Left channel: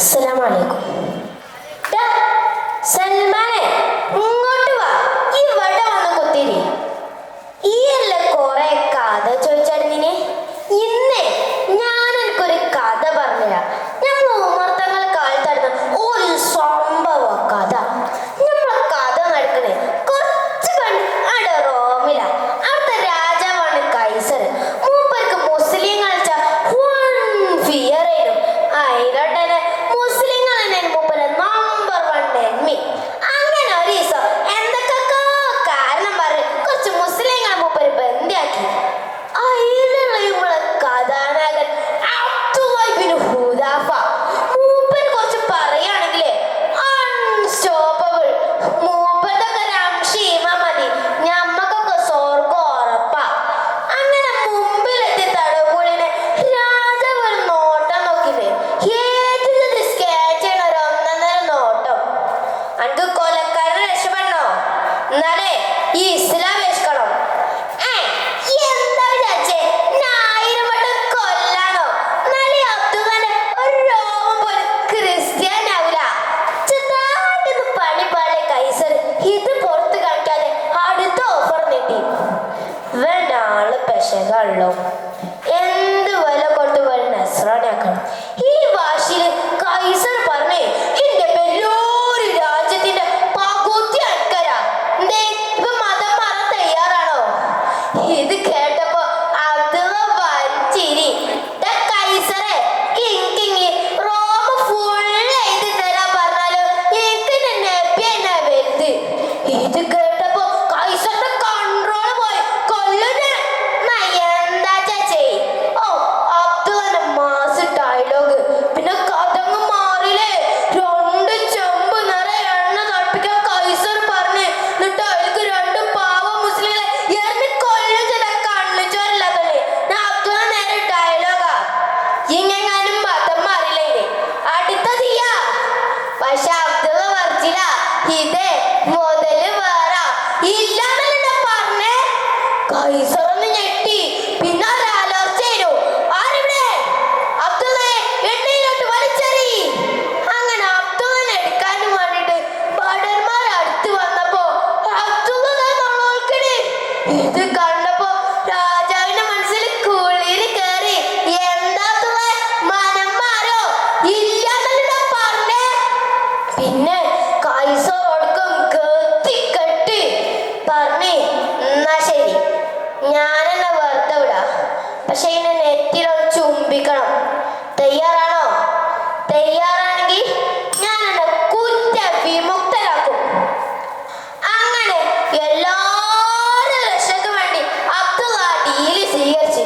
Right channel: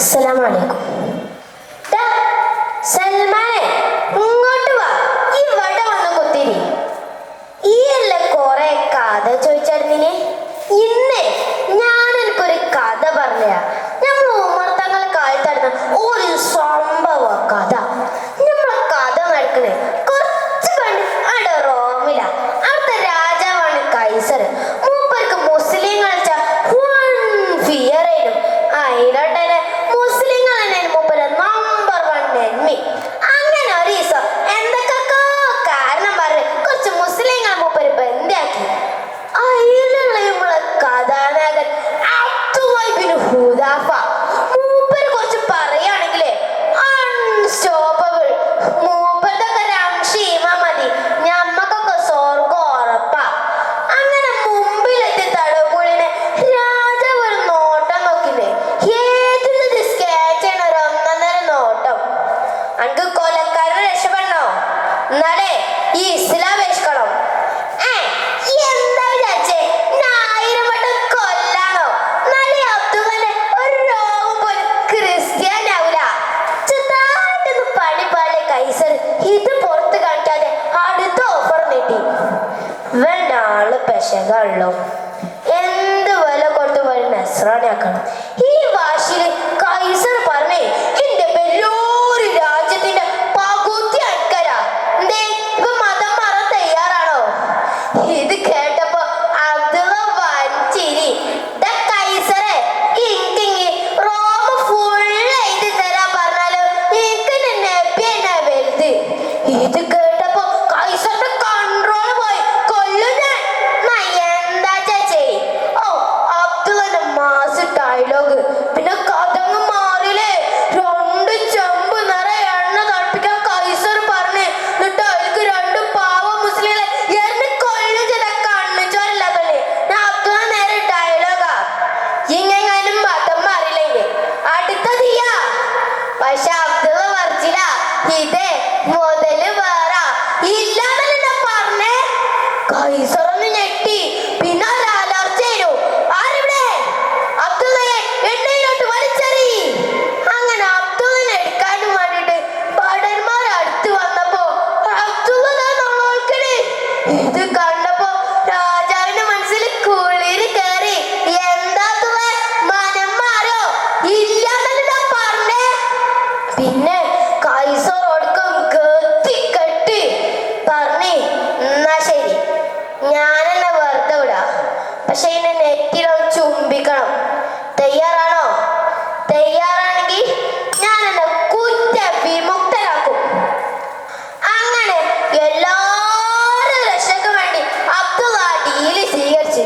അസ്സലാമലൈക്കും. സൽമാനെ, ഇങ്ങോട്ട് വാ. ഇവിടെ വന്ന് കുത്തിരി. ഈ അല്ല കൊറേ കഥ ചോദിച്ചായിരുന്നിനെ. ഇന്നേ ഞാൻ എനിക്കൊരു കഥ പറഞ്ഞ നമ്മൾ ഉമർത്തങ്ങൾ കാലത്തായിരുന്ന ഒരു സംഭവ കഥ. നമ്മളെ കഥ നടക്കണേ കുറച്ച് കണ്ട് അവിടെ റോമില. അവിടുത്തെ രാജാവാണ് കൈസർ. മൂപ്പർക്ക് മുസ്ലിങ്ങൾ ഫിയർ ആയിരുന്നു. അതിലോട്ടെ മുസ്ലിങ്ങൾ തന്നെ മൂപ്പര് നമ്പർ 1 എണ്ണി. അങ്ങനെ ഒരു ദിവസം എന്തൊക്കെ കാരണം പറഞ്ഞ് കുറച്ച് മുസ്ലിങ്ങൾ മൂപ്പര് ബന്ധാക്കി. അതിലുള്ള നമ്മളെ കഥാനായകൻ അബ്ദുല്ലാഹ് ബിൻ ഹുദാഫ. മൂപ്പര് കുറച്ച് പറയുകയാണെങ്കിലേ അൺസ്റ്റോപ്പബിൾ. മൂപ്പരൊക്കെ രംശീമാ മതി, ഞമ്മക്കൊക്കെ സ്വർഗം ഉറപ്പാ. അങ്ങനെ മുമ്പിലെത്തി തടവുകളിനെ രാജാവ് ഒരു നോട്ടം നോക്കില്ലേ. ഏതൊരു സ്കെച്ച് ചെയ്യണ ഒരു 1.5 നോട്ടം. അനക്ക് കൊലക്കാരനെ രക്ഷപ്പെടണോ? എന്നാലേ ഈ ഇസ്ലാം രക്ഷിക്കണം. എന്താ വിചാരിച്ചേ? 1000 വട്ടം കൊല്ലാനോ? എന്നാലേ അബ്ദുള്ളാനെ ഒരു രോഗം പോലും ക്രിസ്ത്യാനി ആവില്ല. ചെറുതായിട്ടൊന്ന് പണി പാടെ കൈസർ ഇത് പുറത്ത് കാണിക്കാതെ അടുത്ത ഓഫർ നീട്ടി. വേണ്ടാള് പെശകള്ളോ. എന്ത് വില കൊണ്ട് വഴി നസ്രാണിയാക്കണം. ഈ ഭാഷയില് കൈസർ പറഞ്ഞേ എന്റെ വലിയൊരു രാജ്യത്തിന്റെ പകുതി ആൾക്കാരാ. എന്തേ ഇപ്പൊ മതം മാറാൻ തയ്യാറാണോ? ഇത് കേട്ടപ്പോ അബ്ദുള്ള വലിച്ചിരി. കൈസറെ, ഇങ്കിങ്ങി റോമ ഫുൾ എഴുതി തരാൻ പറഞ്ഞാലും എനിക്ക് നബി എന്നാ വലുത്. ഇത് കേട്ടപ്പോ കൈസറിന്റെ കൺട്രോൾ പോയി. കൊല്ലും ഞാൻ. എന്താ ചേച്ചി? ഓ, അബ്ദുള്ളന്റെ മാസ് ഡയലോഗ്. പിന്നെ കഥങ്ങ് മാറില്ലേ. 2 ചെമ്പ് നിറയെ എണ്ണ തളിപ്പിക്കാൻ കൈസർ പറഞ്ഞ്. എന്നിട്ട് അതിലേക്ക് 2 പാവ മുസ്ലിങ്ങളെ എന്നെ കൊല്ലും ചില കണ്ണു ചോരില്ലാത്തല്ലേ. ഞാൻ അബ്ദുള്ള നേരെ ഡയലോഗാ. ഇങ്ങെങ്ങാനും മതം മാറില്ലേ അടുത്ത തീയാ. പക്ഷെ അബ്ദുള്ള പറഞ്ഞില്ല. ഇതേ മുതല് വേറെ ഇല്ലാന്നല്ലേ പറഞ്ഞേ. കൈസറൊന്ന് ഞെട്ടി. പിന്നെ ഒരു അലർച്ചയിരു. ആരിവിടെ? അബ്ദുള്ളയെ എണ്ണയിലോട്ട് വലിച്ചെറി. അങ്ങനെ അബ്ദുള്ളനെ എടുക്കാനും വേണ്ടിട്ട് ഭടന്മാർ അടുത്ത് വന്നപ്പോ അബ്ദുള്ള നോക്കണേ. ഇത് കണ്ടപ്പോ രാജാവിന്റെ മനസ്സിൽ കുളിര് കയറി. എന്താ മനം മാറോ? ഇല്ലാന്നല്ലേ പറഞ്ഞേ. പിന്നെ കൈസറോടക്കം കെട്ടി പറഞ്ഞേ, എന്നാ ശരി, ഞാനെന്നെ വെറുതെ വിടാ. പക്ഷെ ഇതിനെ നെറ്റിലൊന്ന് ചുംബിക്കണം. തയ്യാറാണോ? തയ്യാറാണെങ്കിൽ ഞാൻ എന്നെ കുറ്റ വിമുക്തരാക്കും. അങ്ങനെ എല്ലാവരും രക്ഷയ്ക്ക് വേണ്ടി അബ്ദുള്ള ഡീല് സ്വീകരിച്ച്